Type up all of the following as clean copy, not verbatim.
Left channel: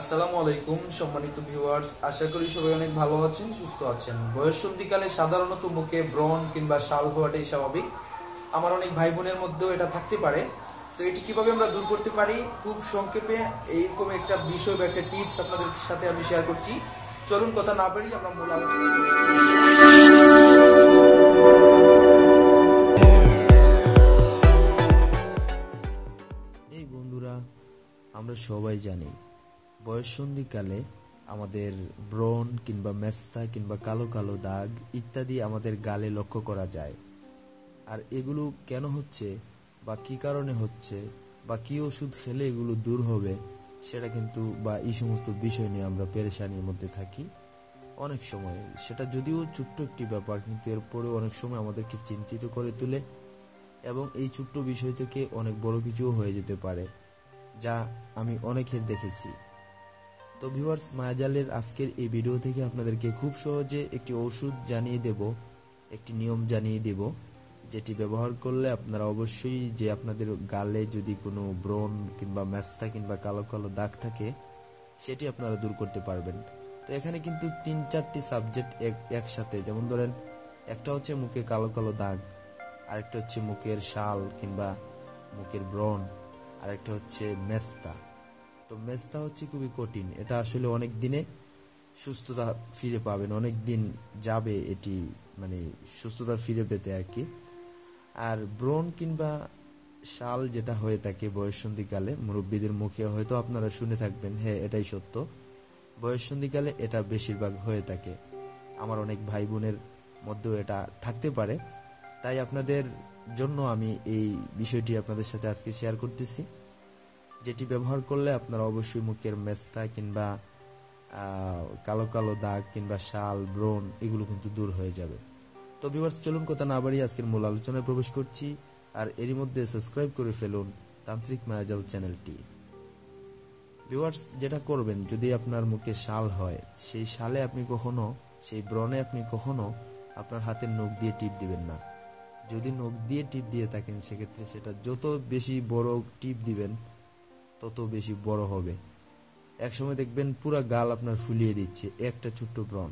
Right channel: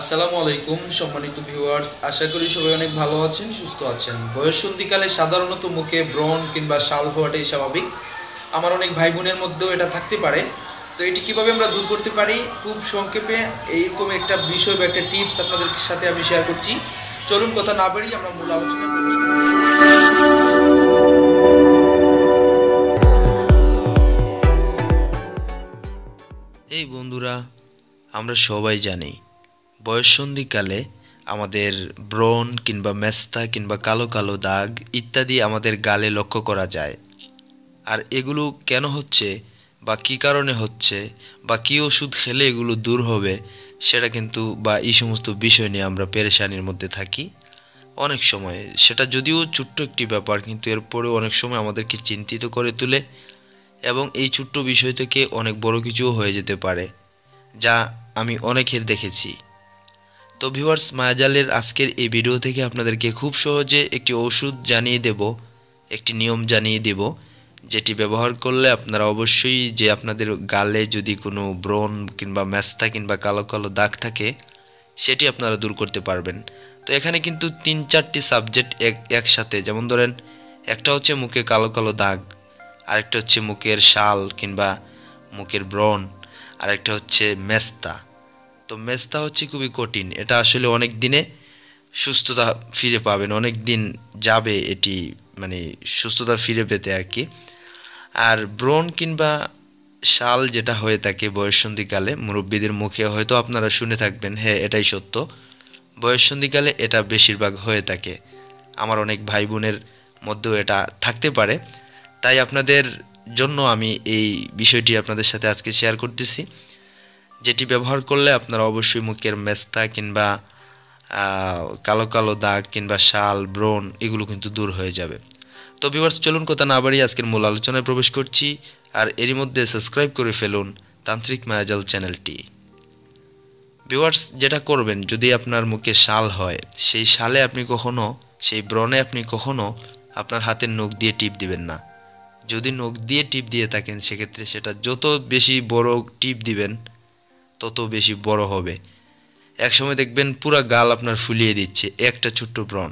আসসালামু আলাইকুম সম্মানিত ভিউয়ার্স, আশা করি সবাই অনেক ভালো আছেন, সুস্থ আছেন। বয়ঃসন্ধিকালে সাধারণত মুখে ব্রণ কিংবা শাল হওয়াটাই স্বাভাবিক। আমার অনেক ভাই বোনের মধ্যেও এটা থাকতে পারে। তো এটি কিভাবে আমরা দূর করতে পারি, খুব সংক্ষেপে এইরকম একটা বিষয় বা একটা টিপস আপনাদের সাথে আমি শেয়ার করছি। চলুন কথা না বাড়িয়ে আমরা মূল আলোচনায় প্রবেশ করি। এই বন্ধুরা, আমরা সবাই জানি বয়ঃসন্ধিকালে আমাদের ব্রণ কিংবা মেস্তা কিংবা কালো কালো দাগ ইত্যাদি আমাদের গালে লক্ষ্য করা যায়। আর এগুলো কেন হচ্ছে বা কী কারণে হচ্ছে বা কী ওষুধ খেলে এগুলো দূর হবে সেটা কিন্তু বা এই সমস্ত বিষয় নিয়ে আমরা পেরেশানির মধ্যে থাকি অনেক সময়। সেটা যদিও ছোট্ট একটি ব্যাপার, কিন্তু এরপরেও অনেক সময় আমাদেরকে চিন্তিত করে তোলে এবং এই ছোট্ট বিষয় থেকে অনেক বড় কিছুও হয়ে যেতে পারে, যা আমি অনেকের দেখেছি। তো ভিউয়ার্স, মায়াজালের আজকের এই ভিডিও থেকে আপনাদেরকে খুব সহজে একটি ওষুধ জানিয়ে দেব, একটি নিয়ম জানিয়ে দেব, যেটি ব্যবহার করলে আপনারা অবশ্যই যে আপনাদের গালে যদি কোনো ব্রণ কিংবা মেস্তা কিংবা কালো কালো দাগ থাকে সেটি আপনারা দূর করতে পারবেন। তো এখানে কিন্তু 3-4টি সাবজেক্ট একসাথে, যেমন ধরেন একটা হচ্ছে মুখে কালো কালো দাগ, আরেকটা হচ্ছে মুখের শাল কিংবা মুখের ব্রণ, আরেকটা হচ্ছে মেস্তা। তো মেস্তা হচ্ছে খুবই কঠিন, এটা আসলে অনেক দিনে সুস্থতা ফিরে পাবেন, অনেক দিন যাবে এটি, মানে সুস্থতা ফিরে পেতে আর কি। আর ব্রণ কিংবা শাল যেটা হয়ে থাকে বয়ঃসন্ধিকালে, মুরব্বীদের মুখে হয়তো আপনারা শুনে থাকবেন, হ্যাঁ এটাই সত্য, বয়ঃসন্ধিকালে এটা বেশিরভাগ হয়ে থাকে। আমার অনেক ভাই বোনের মধ্যেও এটা থাকতে পারে। তাই আপনাদের জন্য আমি এই বিষয়টি আপনাদের সাথে আজকে শেয়ার করতেছি, যেটি ব্যবহার করলে আপনারা অবশ্যই মুখের মেস্তা কিংবা কালো কালো দাগ কিংবা শাল ব্রণ এগুলো কিন্তু দূর হয়ে যাবে। তো ভিউয়ার্স, চলুন কথা না বাড়িয়ে আজকের মূল আলোচনায় প্রবেশ করছি। আর এরই মধ্যে সাবস্ক্রাইব করে ফেলুন তান্ত্রিক মায়াজাল চ্যানেলটি। ভিউয়ার্স, যেটা করবেন, যদি আপনার মুখে শাল হয়, সেই শালে আপনি কখনো, সেই ব্রণে আপনি কখনো আপনার হাতের নখ দিয়ে টিপ দিবেন না। যদি নখ দিয়ে টিপ দিয়ে থাকেন সেক্ষেত্রে সেটা যত বেশি বড় টিপ দিবেন তত বেশি বড় হবে। একসময় দেখবেন পুরা গাল আপনার ফুলিয়ে দিচ্ছে একটা ছোট্ট ব্রণ।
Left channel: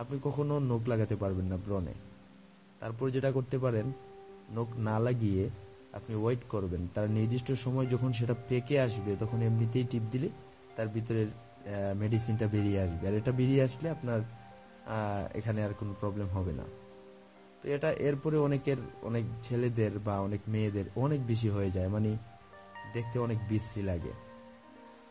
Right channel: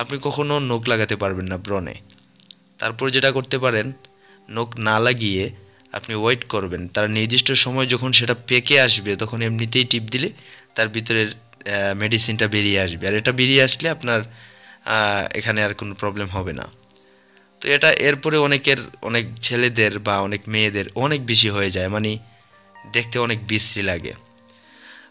আপনি কখনো নখ লাগাতে পারবেন না ব্রণে। তারপর যেটা করতে পারেন, নখ না লাগিয়ে আপনি ওয়েট করবেন, তার নির্দিষ্ট সময় যখন সেটা পেকে আসবে তখন এমনিতেই টিপ দিলে তার ভিতরের মেডিসিনটা বেরিয়ে আসবে। আর এটা বেরিয়ে আসলে আপনার এখানে আর কোনো প্রবলেম হবে না। তো এটা এরপরে অনেকের, অনেক ছেলেদের বা অনেক মেয়েদের অনেক বেশি হয়ে যায়, মানে দেখতে অনেক বিশ্রী লাগে।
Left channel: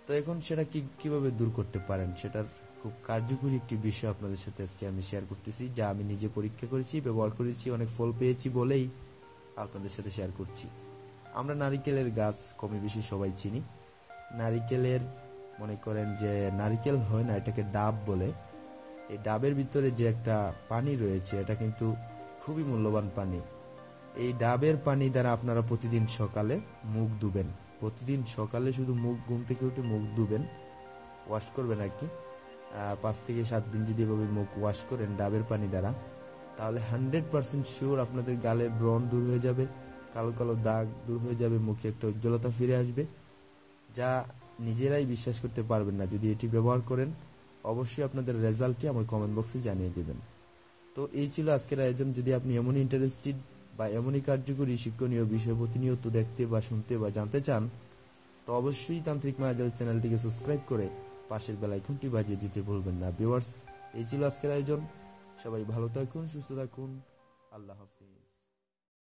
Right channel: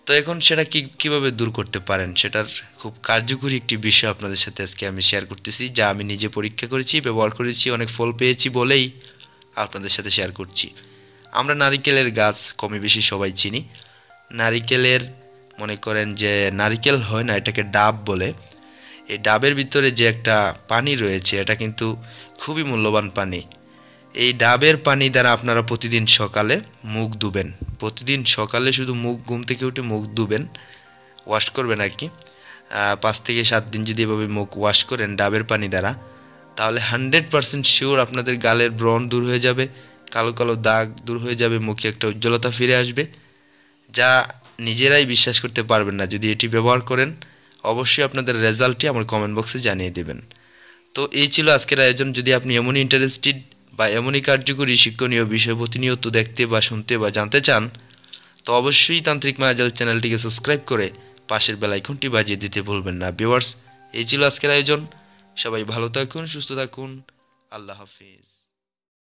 তো এখন সেটা কিভাবে দূর করতে পারেন সেটার খুব কার্যকরী একটি বিষয় আপনাদের সাথে আজকে আমি শেয়ার করতেছি, যা আমি নিজে পরীক্ষা করেছি, ব্যবহার করেছি, অনেক ফল পেয়েছি বলেই আপনাদের সাথে শেয়ার করছি। আমরা নারিকেলের গাছ কমে বেশি সবাই চিনি। নারিকেলের, মনে করেন যে নারিকেল হয় না, এটাকে ডাব বলে। এই ডাবের ভিতরে যে একটা পানি রয়েছে এটা কিন্তু খুবই মূল্যবান পানি। এই ডাবের পানি দ্বারা আপনারা প্রতিদিন সকালে মুখ ধুবেন। প্রতিদিন সকালে শুধু মুখ, ঘুম থেকে উঠে মুখ ধুবেন, ওয়াশ করবেন আর কি। 5 থেকে 7 দিন যদি এভাবে মুখ ওয়াশ করেন ডাবের পানি দ্বারা, তাহলে 100% শিওর আপনাদের গালের ব্রণ দূর হয়ে যাবে, কালো কালো দাগ দূর হয়ে যাবে, মুখে একটা উজ্জ্বলতা ফিরে আসবে, যা নিজেরাই বিশ্বাস করতে পারবেন না যদি এটি ব্যবহার করেন। অবশ্যই আপনাদের রেজাল্টটি আমার কমেন্ট বক্সে জানিয়ে দেবেন। তো এই ছিল আজকের আয়োজন। যদি আপনি এমনই ইন্টারেস্টেড বা এমনই কার্যকরী শিক্ষণীয় বিষয় প্রতিনিয়ত দেখতে বা শুনতে বা জানতে চান, তো অবশ্যই তান্ত্রিক মায়াজাল চ্যানেলটিকে সাবস্ক্রাইব করে পাশের বেল আইকনটি বাজিয়ে দিতে ভুলবেন না। ভিউয়ার্স, এই ছিল আজকের আয়োজন। সবাই ভালো থাকুন, সুস্থ থাকুন। আল্লাহ হাফিজ।